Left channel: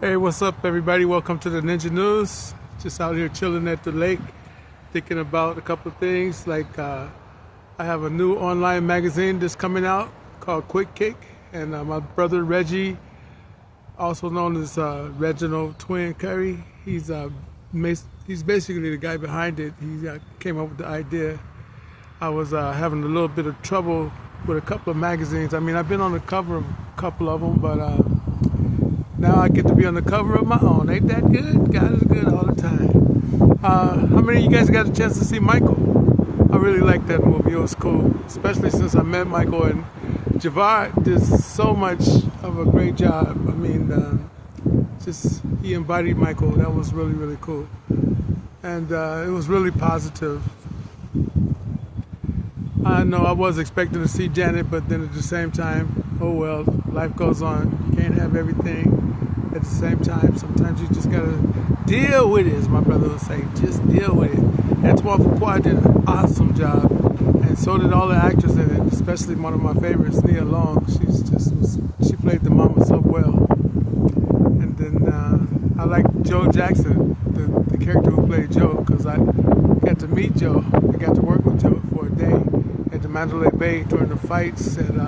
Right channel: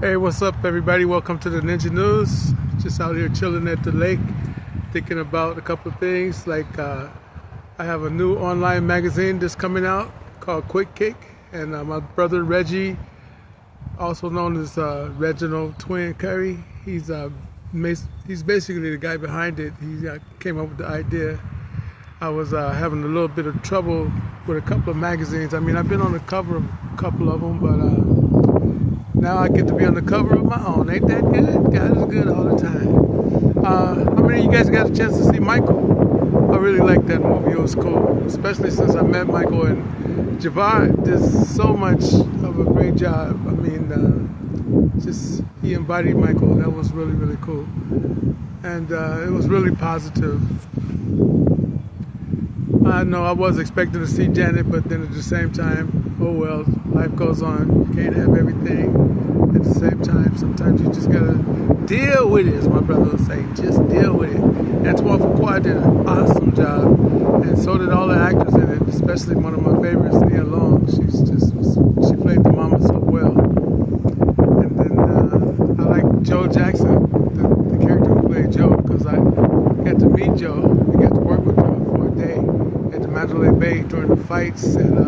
Hey, what's up, everybody? Welcome to the Ninja News. Just out here chilling at the lake, thinking about a couple of things. I have a new online magazine that's coming out called Quick Kick, and my brother Reggie, also known as Reginald Twin Currie, he's basically the guy behind it. He came up with the idea. I was having a little bit of trouble with a couple of magazines. I mean, I've been on the cover of a couple of them, but now I get to be on the cover of my own. Ain't that good? God is good all the time. How many of you guys got a chance to see Michael? I really liked that movie. It was cool, especially since I met Michael, and Javar did so much of a great job. I mean, just he embodied Michael. That was really, really cool. And it was really positive. I know I was expecting to see Janet, but then at the same time, oh well, life goes on. You can't have everything at the same time. Sometimes you just gotta deal with it, as my brother would say. Just deal with it. Antoine Fuqua did an awesome job, and so did all the actors in it, especially one of my favorites, Nia Long. She played the mama so well. And then I like Joe Jackson, the character who played Joe, because I got to meet Joe. I got to work with Joe for a day at the Mandalay Bay during the fights, and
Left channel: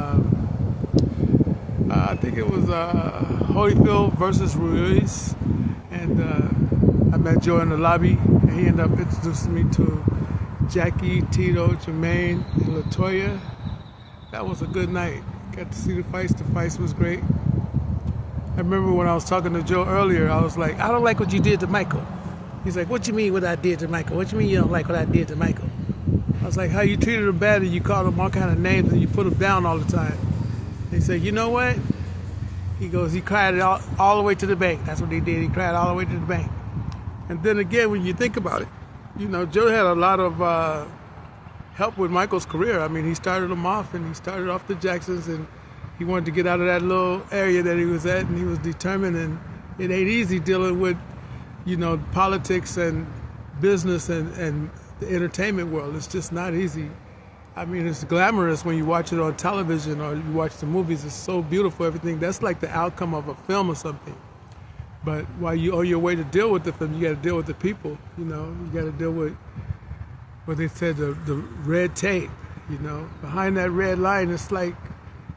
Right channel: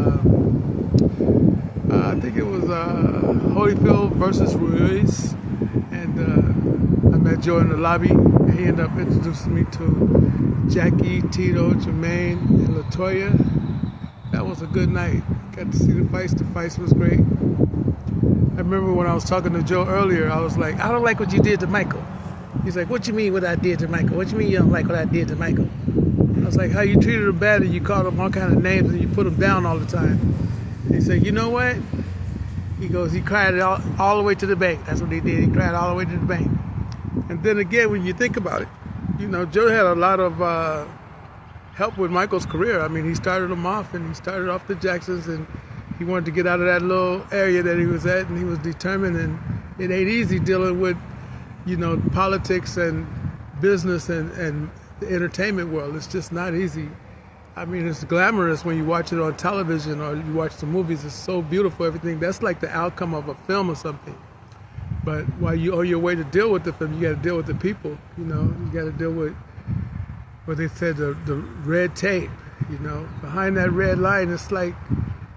I think it was Holyfield versus Ruiz, and I met Joe in the lobby, and he ended up introducing me to Jackie, Tito, Jermaine, and LaToya. That was a good night. Got to see the fights. The fights was great. I remember when I was talking to Joe earlier, I was like, I don't like what you did to Michael. He's like, what you mean what I did to Michael? What you mean you don't like what I did to Michael? I was like, how you treated him bad and you called him all kind of names and you put him down all the time. And he said, you know what? He goes, he cried all the way to the bank. That's what he did. He cried all the way to the bank. And then again, when you think about it, you know, Joe had a lot of help with Michael's career. I mean, he started him off, and he started off the Jacksons, and he wanted to get out of that little area that he was at, and he was determined. And it ain't easy dealing with, you know, politics and business and the entertainment world. It's just not easy. I mean, it's glamorous when you watch it on television or you watch the movies. It's so beautiful, everything. That's like the outcome of a film or something. But while you on your way to deal with the film, you got to deal with the people. You know, you got to deal with what they said, the red tape. You know, behind that red line, it's like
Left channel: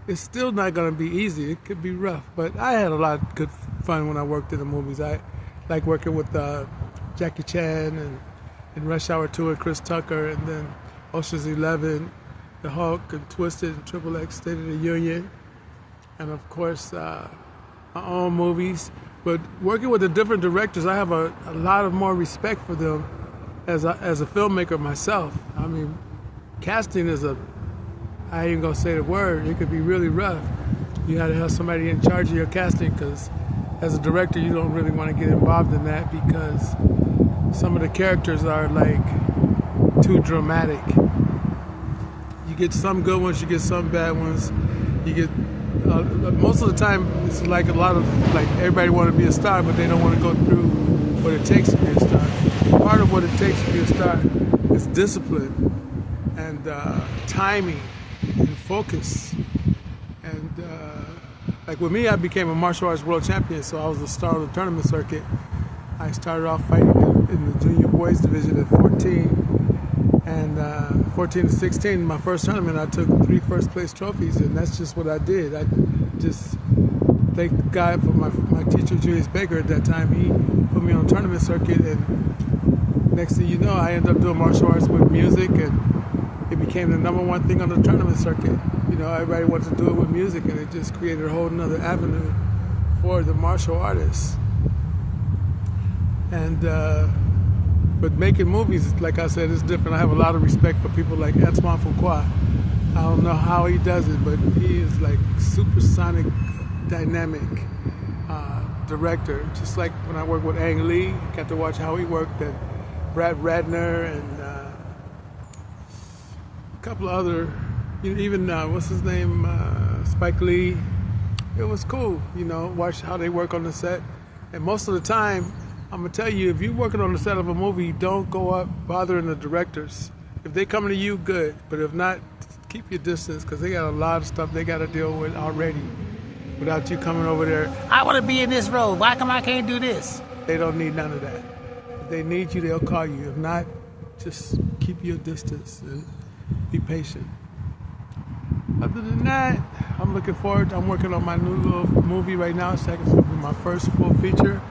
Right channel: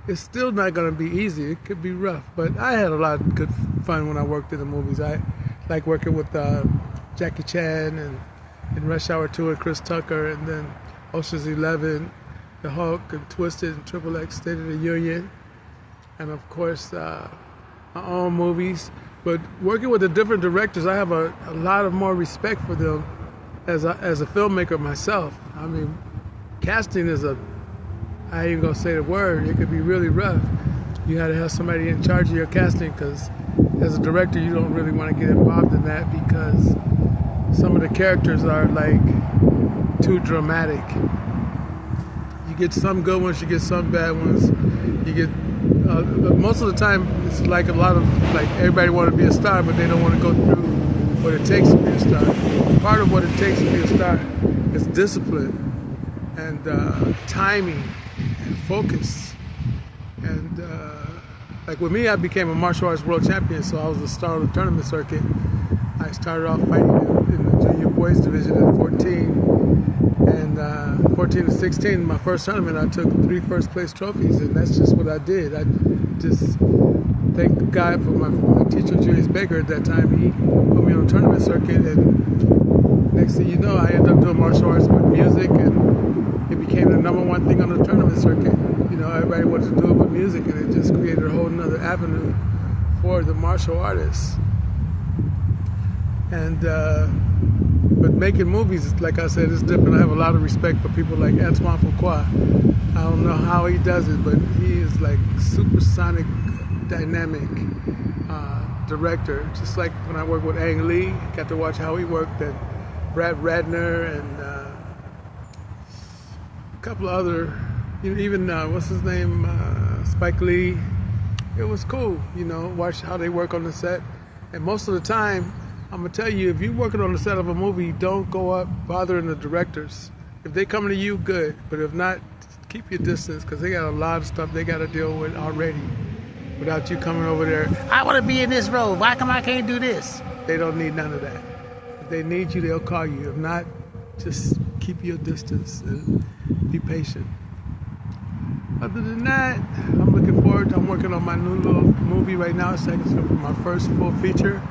it's still not going to be easy. It could be rough. But I had a lot of good fun when I worked in the movies. I like working with Jackie Chan and in Rush Hour 2 and Chris Tucker, and then Ocean's 11, The Hulk, and Twisted, and Triple X, State of the Union, and of course my own movies. But working with the different directors, I have a lot of more respect for them as a filmmaker myself. I mean, casting is I ain't even gonna say the word, it could be really rough. You gotta have somebody in charge of your casting, because as a director, you don't really want to get involved in that, because some of the characters are like too dramatic. You get some good ones, you get some bad ones. You get most of the time it's like a lot of like everybody want to be a star, but they don't want to go through what it takes to be a star. Part of what it takes to be a star is discipline and timing and focus. And like with me, I became a martial arts world champion, so I was the star of the tournament circuit. I started off fighting in the junior boys division at 14, and 14 to 16, my first tournament, I took 3 first place trophies, and that's just what I did. I just thank God for my teacher, Julius Baker, at that time. He put me on the tournament circuit, and next thing you know, I ended up doing martial arts with music, and it became the #1 thing on the tournament circuit. You know, everybody wanted to do it with music, and it just created a whole nother avenue for the martial artists. And but making movies, like I said, is different. I have a lot of respect for people like Antoine Fuqua. I don't know how he does it, but he is like supersonic, dynamic director. Just like when I worked with Ang Lee, got to watch how he worked, and Brad Ratner, and a couple of other, you know, even what's his name, Spike Lee. It was cool, you know, watch how they work on the set. And most of the time, I'm gonna tell you, if you're working on the set of a movie, don't go up bothering the directors. If they come to you, good. But if not, keep your distance, because they got a lot of stuff they got to deal with already. without you coming over there. I want to be in this role. Why come I can't do this? They don't need none of that. If they need you, they'll call you. If not, just keep your distance and be patient. Other than that, I'm looking forward. I'm working on my new little movie right now. It's going to be my first full feature.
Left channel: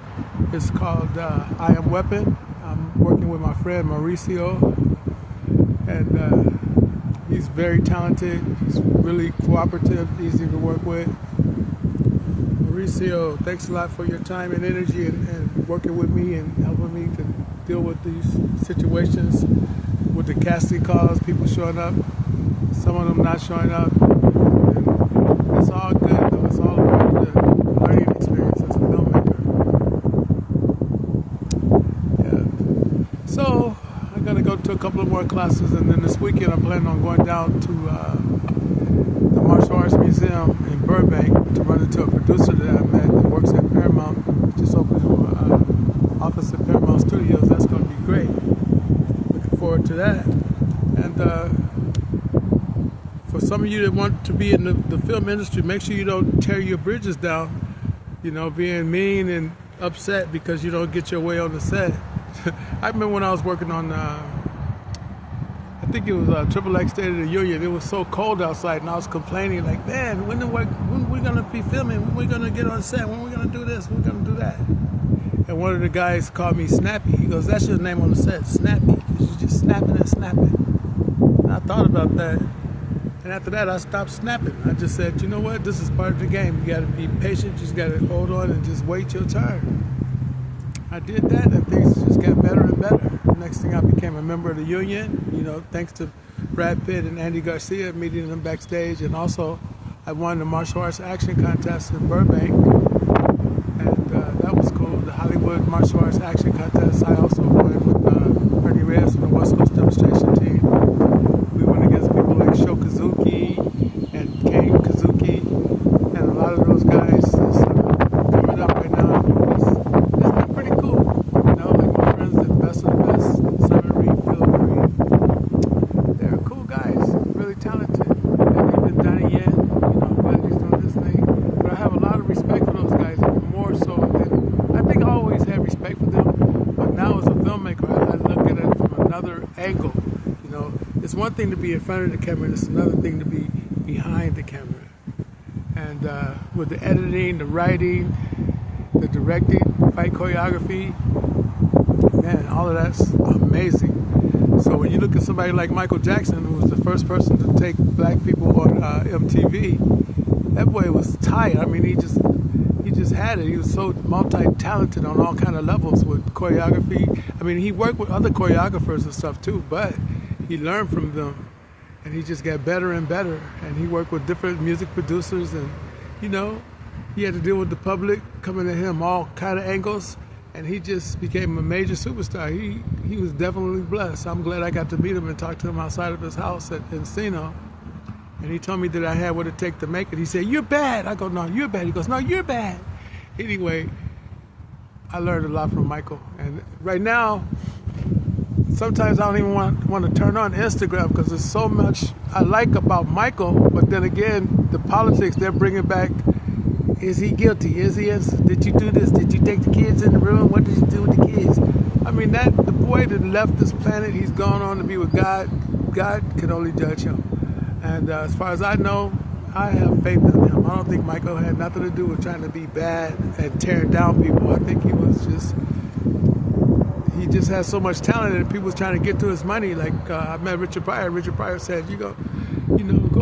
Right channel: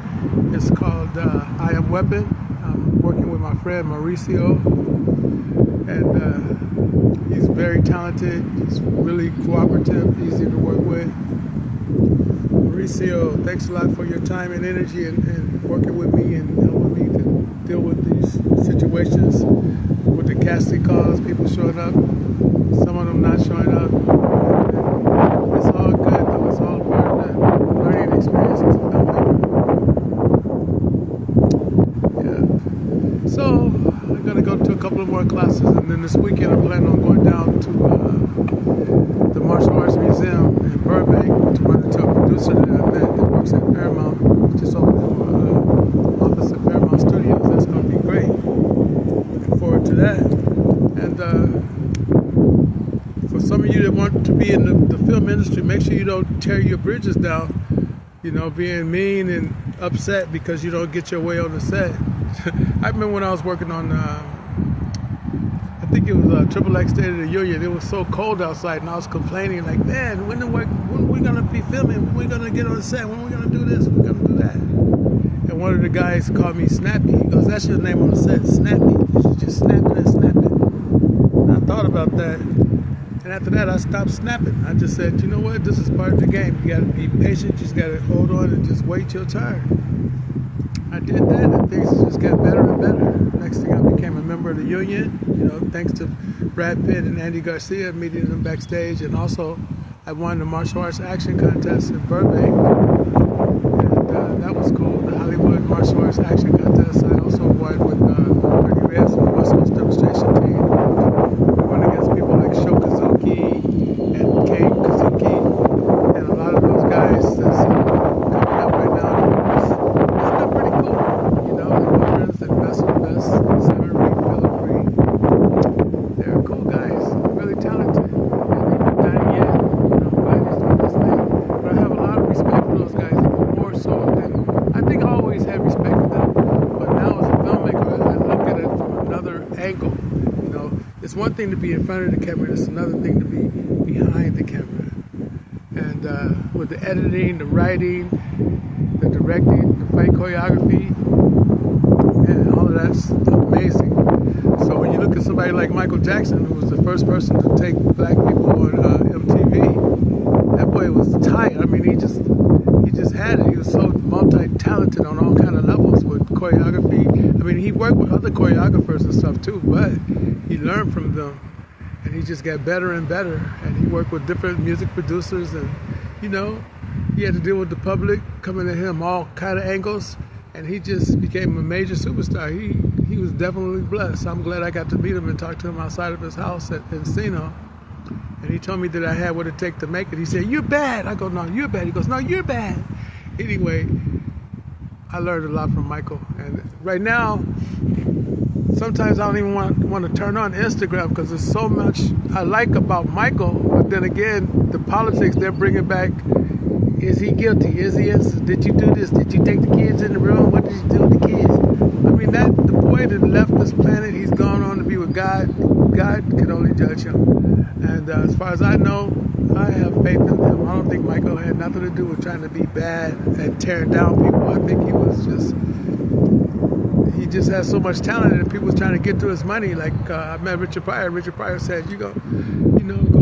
It's called I Am Weapon. I'm working with my friend Mauricio, and he's very talented. He's really cooperative, easy to work with. Mauricio, thanks a lot for your time and energy and working with me and helping me to deal with these situations with the casting calls, people showing up, some of them not showing up. And it's all good though. It's all part of the learning experience as a filmmaker. Yeah. So I'm gonna go to a couple of more classes, and then this weekend I'm planning on going down to the Martial Arts Museum in Burbank to run into a producer that I met that works at Paramount. Just opened an office at Paramount Studios. That's going to be great. Looking forward to that. And for some of you that want to be in the film industry, make sure you don't tear your bridges down. You know, being mean and upset because you don't get your way on the set. I remember when I was working on I think it was XXX State of the Union. It was so cold outside, and I was complaining like, man, when we gonna be filming? When we gonna get on set? When we gonna do this? When we gonna do that? And one of the guys called me Snappy. He goes, that's your name on the set, Snappy, because you're just snapping and snapping. And I thought about that, and after that, I stopped snapping. I just said, you know what? This is part of the game. You gotta be patient. You just gotta hold on and just wait your turn. I did that, and things just got better and better. Next thing, I became a member of the union, you know, thanks to Brad Pitt and Andy Garcia, meeting them backstage. And also, I won the martial arts action contest in Burbank, and that was cool, the Hollywood Martial Arts Action Contest. I also won with Ernie Reyes from the West Coast Demonstration Team. We went against people like Sho Kazuki and Kane Kazuki, and a lot of those guys that's coming up right now. It's been pretty cool. You know, like my friends, the best of the best, Simon Reed, Philip Reed. They're cool guys, really talented. And even Donnie Yen, you know, I'm glad he's doing this thing. But I have a lot of respect for those guys, more so than, I think I always had respect for them. But now as a filmmaker, I look at it from another angle. You know, it's one thing to be in front of the camera, and it's another thing to be behind the camera. And with the editing, the writing, the directing, the fight choreography, and all of that's amazing. So when you look at somebody like Michael Jackson, who was the first person to take black people on MTV, that boy was tight. I mean, he just had it. He was so multi-talented on all kind of levels with choreography. I mean, he worked with other choreographers and stuff too, but he learned from them. And he just got better and better. And he worked with different music producers, and, you know, he had to deal with the public coming at him all kind of angles, and he just became a major superstar. He was definitely blessed. I'm glad I got to meet him and talk to him outside of his house at Encino. And he told me that I had what it takes to make it. He said, you're bad. I go, no, you're bad. He goes, no, you're bad. Anyway, I learned a lot from Michael. And right now, sometimes I don't even want to turn on Instagram because there's so much I like about Michael, but then again, the politics they're bringing back. Is he guilty? Is he innocent? Did you do this? Did you take the kids in the room? What did you do with the kids? I mean, the boy that left this planet, he's gone on to be with God. God can only judge him. And as far as I know, I have faith in him. I don't think Michael had nothing to do with trying to be bad and tearing down people. I think he just has so much talent, and people was trying to get to his money. Like I met Richard Pryor. Richard Pryor said, go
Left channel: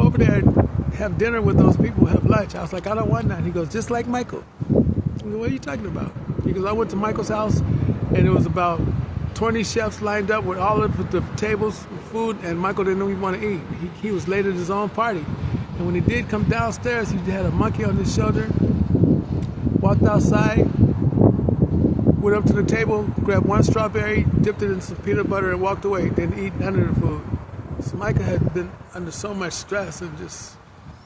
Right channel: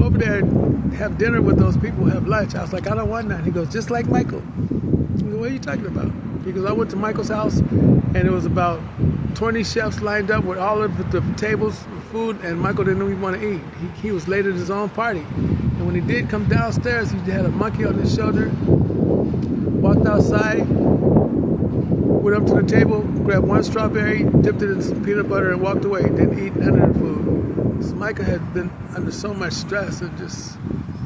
over there and have dinner with those people, have lunch. I was like, I don't want that. He goes, just like Michael. I go, what are you talking about? He goes, I went to Michael's house, and it was about 20 chefs lined up with all of the tables, food, and Michael didn't even want to eat. He was late at his own party. And when he did come downstairs, he had a monkey on his shoulder, walked outside, went up to the table, grabbed one strawberry, dipped it in some peanut butter, and walked away. Didn't eat none of the food. So Michael had been under so much stress, and just,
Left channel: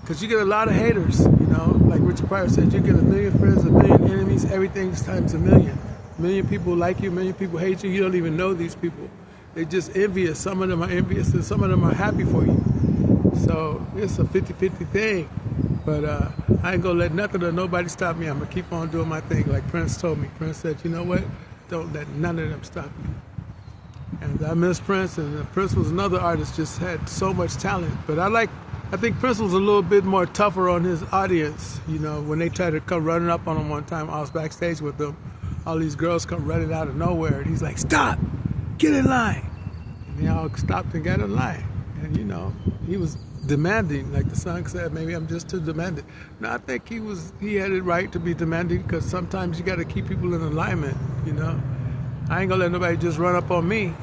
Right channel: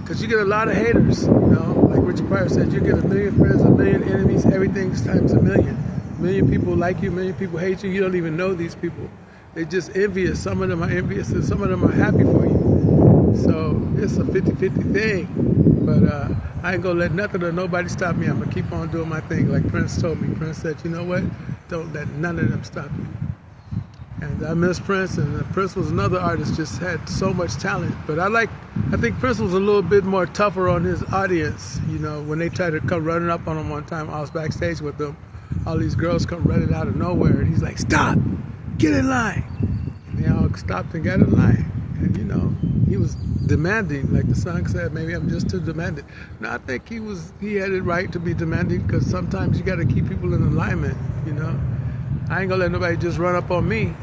because you get a lot of haters, you know, like Richard Pryor said, you get 1 million friends, 1 million enemies, everything's times 1 million. 1 million people like you, 1 million people hate you, you don't even know these people. They're just envious. Some of them are envious, and some of them are happy for you. So it's a 50-50 thing. But I ain't gonna let nothing or nobody stop me. I'm gonna keep on doing my thing. Like Prince told me. Prince said, you know what? Don't let none of them stop you. And I miss Prince, and Prince was another artist, just had so much talent. But I think Prince was a little bit more tougher on his audience. You know, when they tried to come running up on him one time, I was backstage with them. All these girls come running out of nowhere, and he's like, stop, get in line. And they all stopped and got in line. And you know, he was demanding, like the song said, maybe I'm just too demanding. No, I think he had it right to be demanding, because sometimes you got to keep people in alignment, you know. I ain't gonna let nobody just run up on me.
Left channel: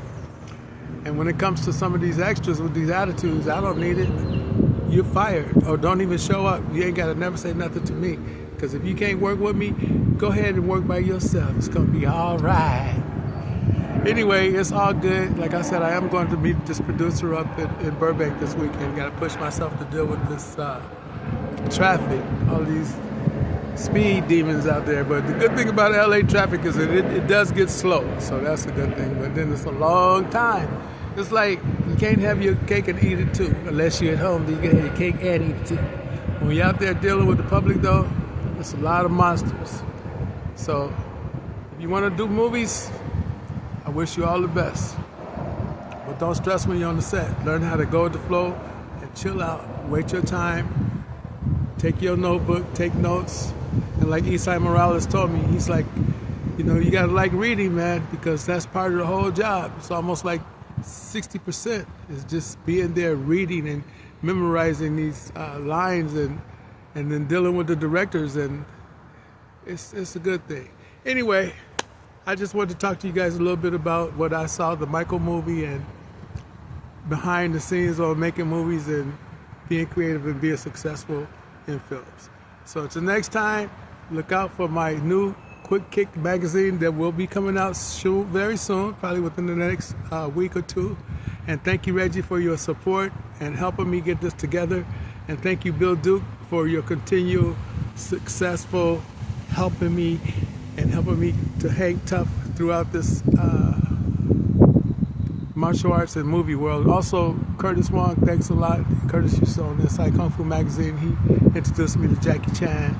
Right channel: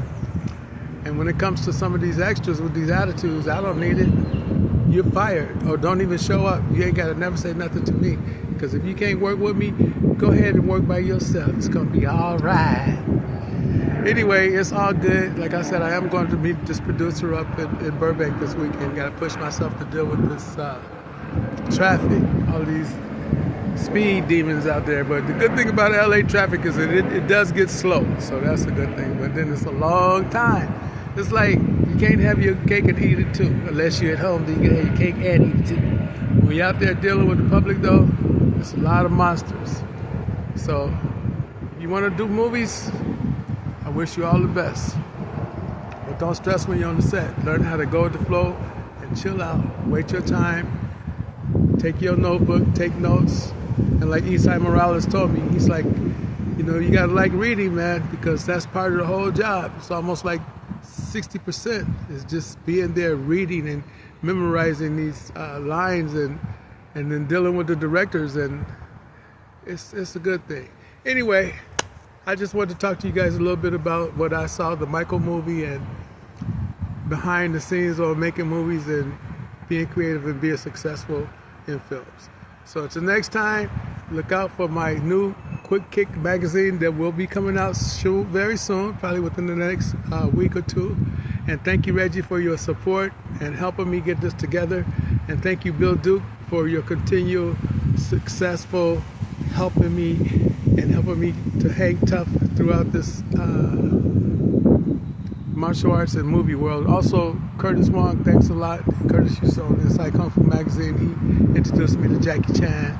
And when it comes to some of these extras with these attitudes, I don't need it. You're fired, or don't even show up. You ain't gotta never say nothing to me. Because if you can't work with me, go ahead and work by yourself. It's gonna be all right. Anyway, it's all good. Like I said, I am going to meet this producer up in Burbank this weekend. Got to push myself to deal with this traffic, all these speed demons out there. But the good thing about LA traffic is that it does get slow, so that's a good thing. But then it's a long time. It's like you can't have your cake and eat it too, unless you're at home. Then you can have your cake and eat it too. When you're out there dealing with the public, though, it's a lot of monsters. So if you want to do movies, I wish you all the best. But don't stress when you're on the set. Learn how to go with the flow and chill out. Wait your time. Take your notebook, take notes. And like Esai Morales told me, he's like, you know, you gotta like reading, man, because that's part of the whole job. It's almost like 60% is just being there reading and memorizing these lines and then dealing with the directors, and it's a good thing. Anyway, I just wanted to talk to you guys a little bit about what I saw, the Michael movie, and behind the scenes on making movies and being creative and being successful in films. So until next time, look out for my new Quick Kick magazine that will be coming out very soon, probably within the next week or two. And thank you, Reggie, for your support and helping me get this together. And thank you, Bill Duke, for your continual successful helping me to hang tough throughout this martial arts and movie world. Also, Curtis Wong, thanks a lot. Curtis used to own Inside Kung Fu magazine. He introduced me to Jackie Chan.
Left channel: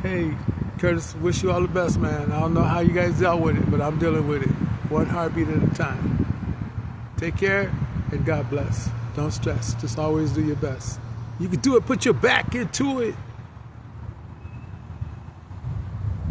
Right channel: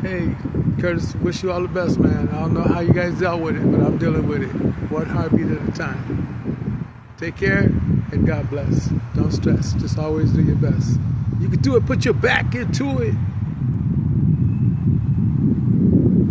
Hey, Curtis, wish you all the best, man. I don't know how you guys dealt with it, but I'm dealing with it, one heartbeat at a time. Take care, and God bless. Don't stress. Just always do your best. You can do it. Put your back into it.